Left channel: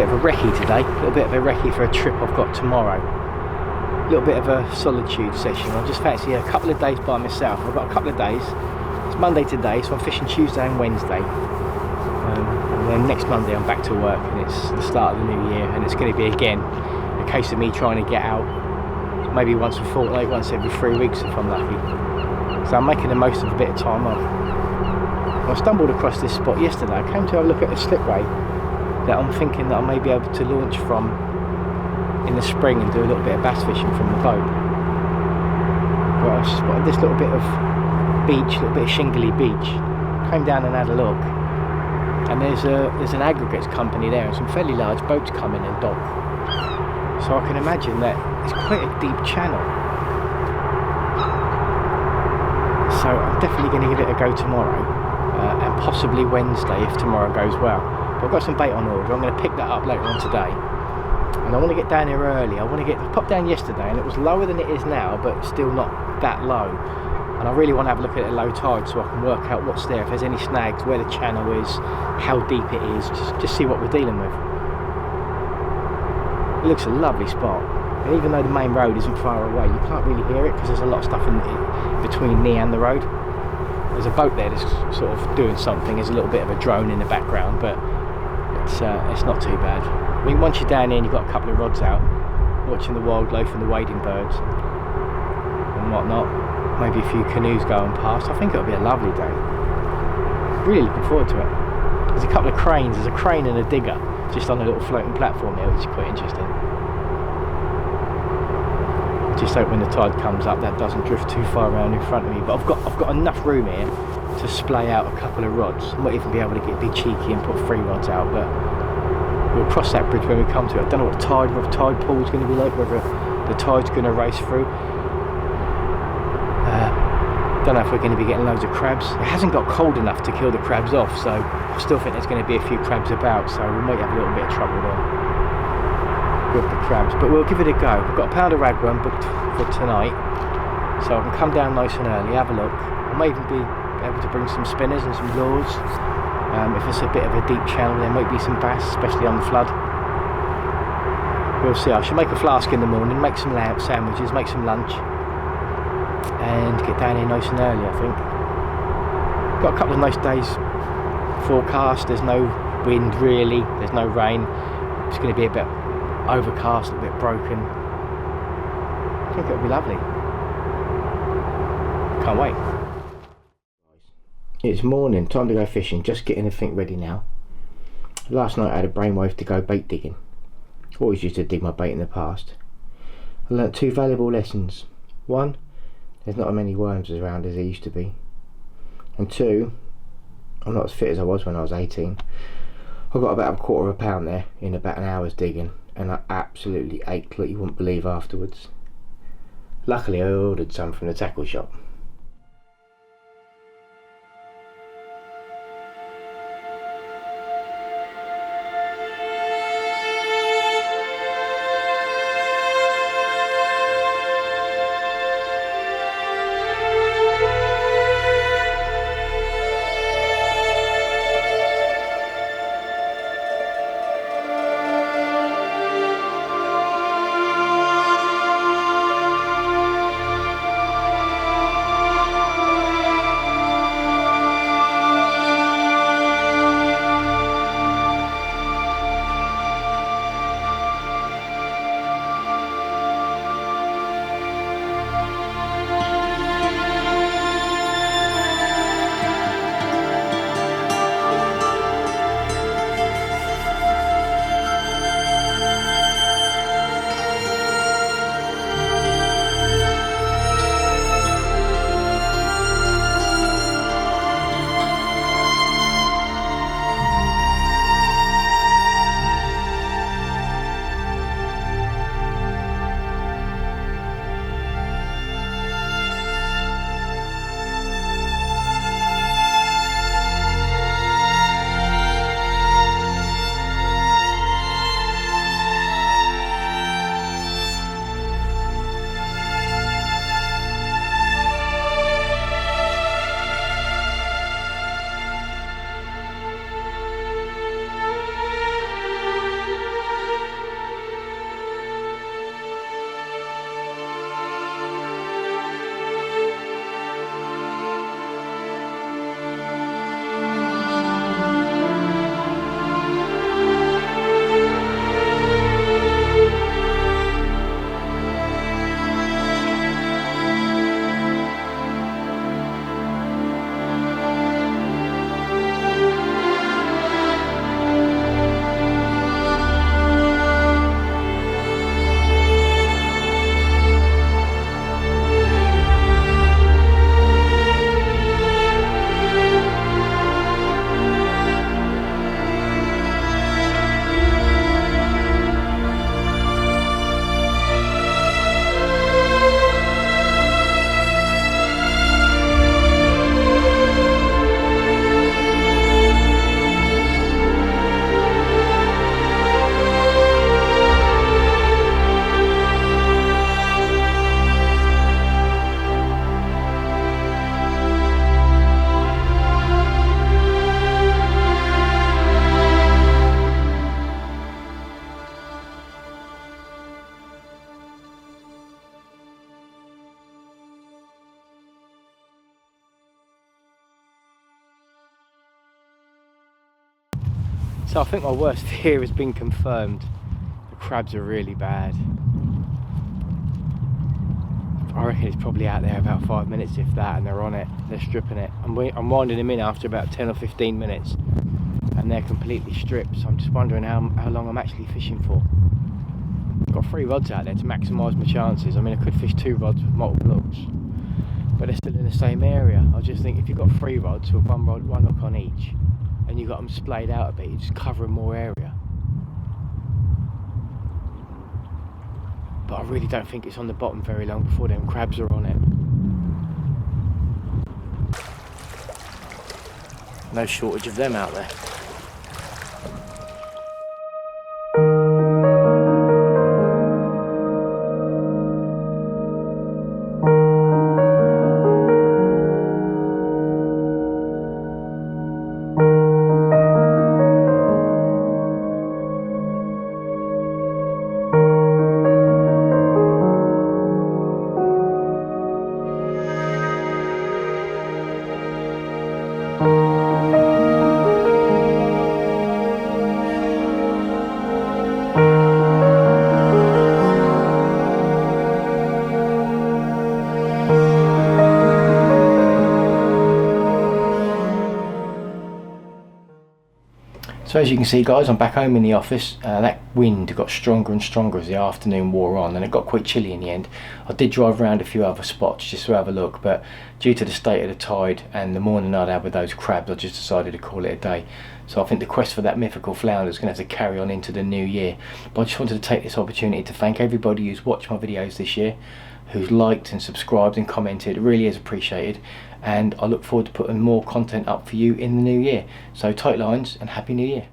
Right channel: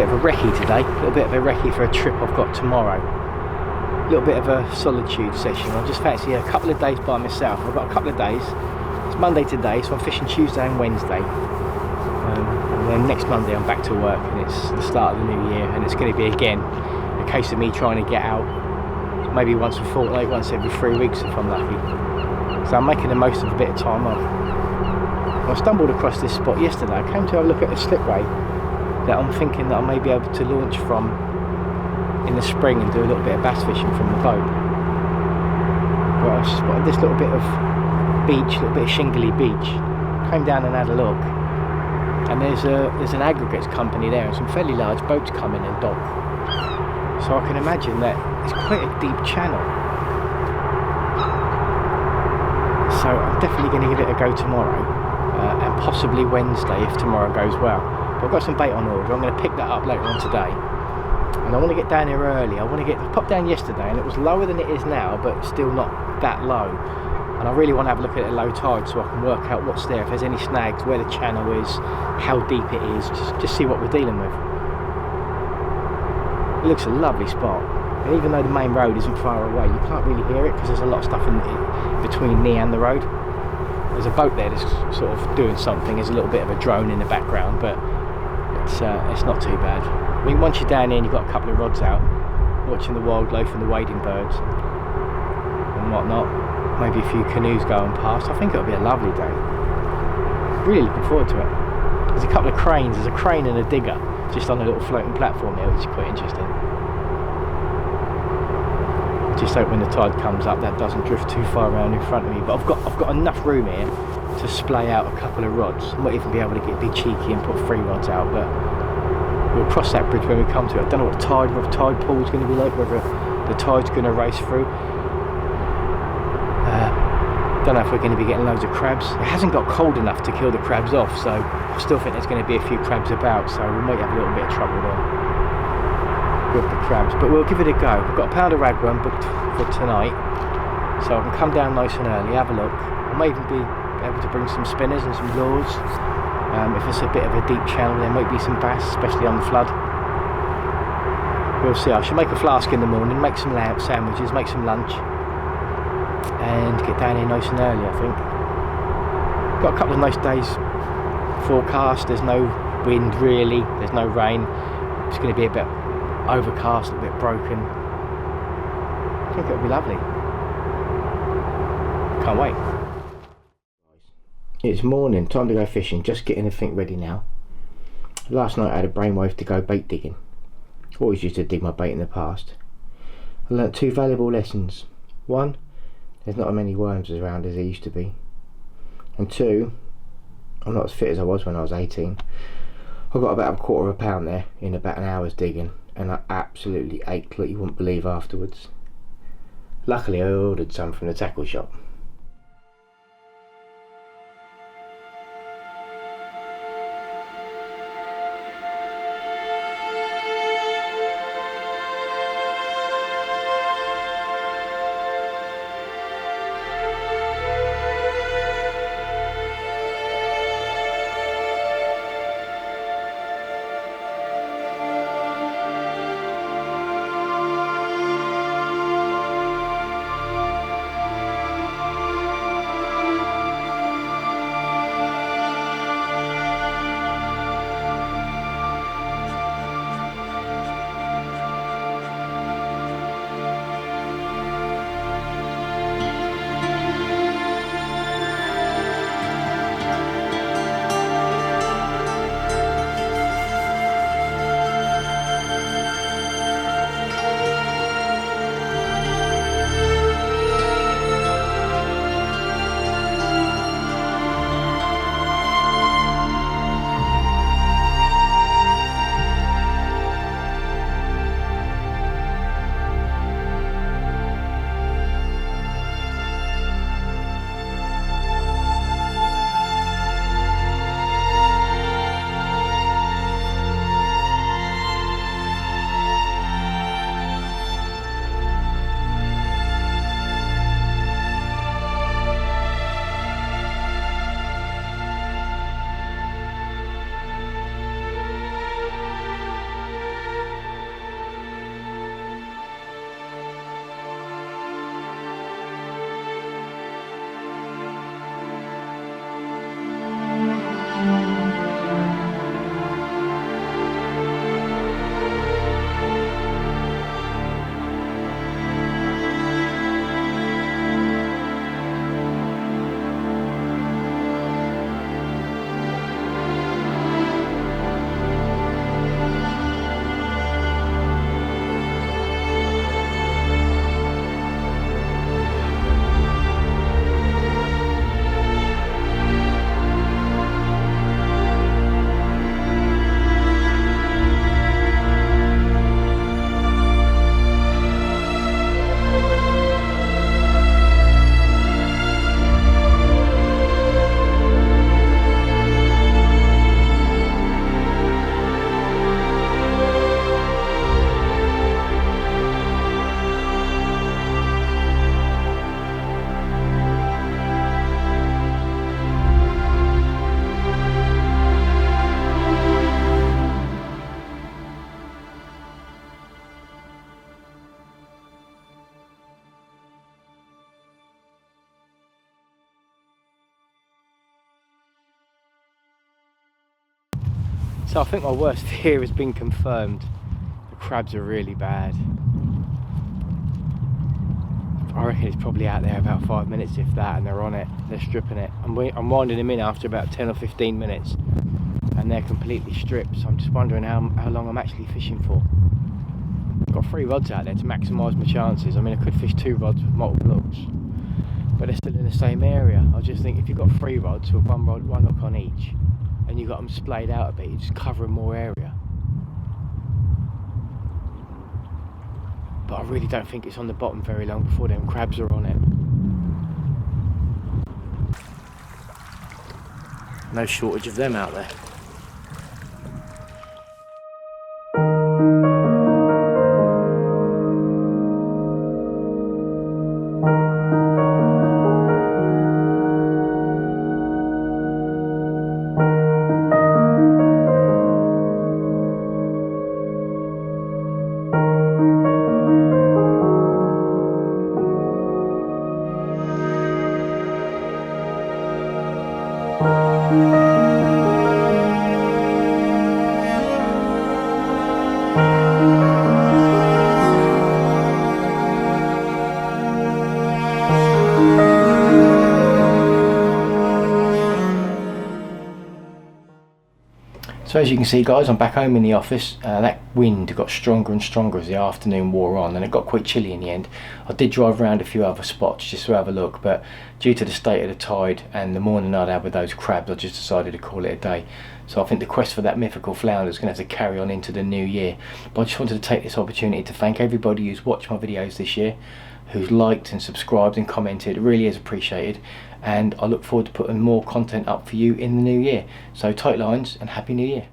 bit of a recce today, a little bit of a recce for a trip I've got tomorrow. A little bit of a solitude session. I just fancy a couple of days by myself. I've got a couple of days. It's Monday today, so I'm fishing Tuesday and Wednesday. And then next Monday I'm back to work, and it's the start of the new year, and it's going to be again a case of me trying to get out maybe once a fortnight, once every 3 weeks if I'm lucky. So I'm making the most of a bit of time off. I stumbled across this spot yesterday. I came to have a look at a slipway that I'm thinking that I may be able to launch from in the spring and do a little bit of bass fishing from the boat. But I spotted this little bit of beach, a little bit of shingly beach. Came down and had a look, and there's an aggregates company there and some fairly large boats come in and dock. So I can imagine that it's quite a deep channel. So I'm definitely going to give it a go tomorrow, and possibly Wednesday if tomorrow goes well. But I've got some bait on order. I'm going to pick that up later on today, and I want to get down here early. I popped down yesterday and it was lower than it is now, but still not that low. And I really want to have a look at it at low tide so I can work out what's there, if there's any snags, where the channel is, how deep it is, just see what we're dealing with. It looks a lovely spot, and even though the main road isn't far away, you can't really hear it because there's a lot of stuff in between me and the road. There's a boat there that's sort of doing something. There's a little bit of a drone in the background, but it's not too bad. I mean, once you're down here and you've got a couple of rods out, watching the wildlife and the wading birds and whatnot, maybe a few canoes going past, I think it'll be a lovely day. Really looking forward to it. There's a couple of cranes. There's a crane and a digger just on a little floating platform here, which is quite interesting. Just hope when the tide comes up that doesn't drift too far around in front of me. But I've got enough room here to splay out a couple of rods. I might even be able to be cheeky and put 3 rods out, but we'll cross that bridge when we come to it. I don't know what the tide pool is going to be like, whether the tide's going to race through. Don't know if we're going to be getting loads of crabs. It hasn't got cold enough to kill the crabs off, so I still think there's going to be a few crabs about, so we might have a little bit of trouble there with the crabs, but we'll give it a go. We've got a pound of ragworm booked for tonight, so I can come down nice and early, have a look. I may even be able to bring some spinners and some lures. If it's a bit of a deep channel, there might be some bass, especially on the flood. We'll see. I should make a flask in the morning, make some lamb sandwiches, make some lunch, and get down here nice and early. I think got a couple of nice days forecast. There's no wind really, there's no rain. It's going to be a bit overcast, a bit broken. I think it'll be lovely. Can't wait. It's morning, time to go fishing. Just getting everything ready now. Last night I had a brainwave to go bait digging. Always used to dig my bait in the past. I learnt 2 valuable lessons. 1, there's not as many worms around as there used to be. And 2, I'm not as fit as I was when I was 18. I got about a quarter of a pound there in about an hour's digging, and I absolutely ached like you wouldn't believe afterwards. Luckily I ordered some from the tackle shop. So I think my worst fear has been confirmed. The crabs are really bad. I reckon it's probably out there about 5 minutes, if that, and they're on it. They're stripping it. I'm winding them in after about 10 or 15 minutes, and they're completely stripped. So I'm just wondering how long I'm actually fishing for. I've got 3 rods out there to maximise my chances. I mean, I could fish 2 rods with multiple hooks, but they're still in the same area. I just think if you've got 3 rods with 1 rod, 1 hook on each, and you've got them splayed out a bit, you're just covering more area. But I really don't think it's on the bottom very long before them crabs are on it. No shortage of them out there. So as you can see, guys, I'm back home in the office. That wind got stronger and stronger as the afternoon wore on, and it got quite chilly in the end. I did drive around a few other spots just to have a look, but due to the state of the tide and the morning I'd had with those crabs, I just decided to call it a day. So I think the quest for that mythical flounder is going to have to carry on into the new year. But I just wanted to take this opportunity to thank everybody who's watched my videos this year, who's liked and subscribed and commented. It really is appreciated, and I look forward to putting more content up for you in the new year. So tight lines and Happy New Year.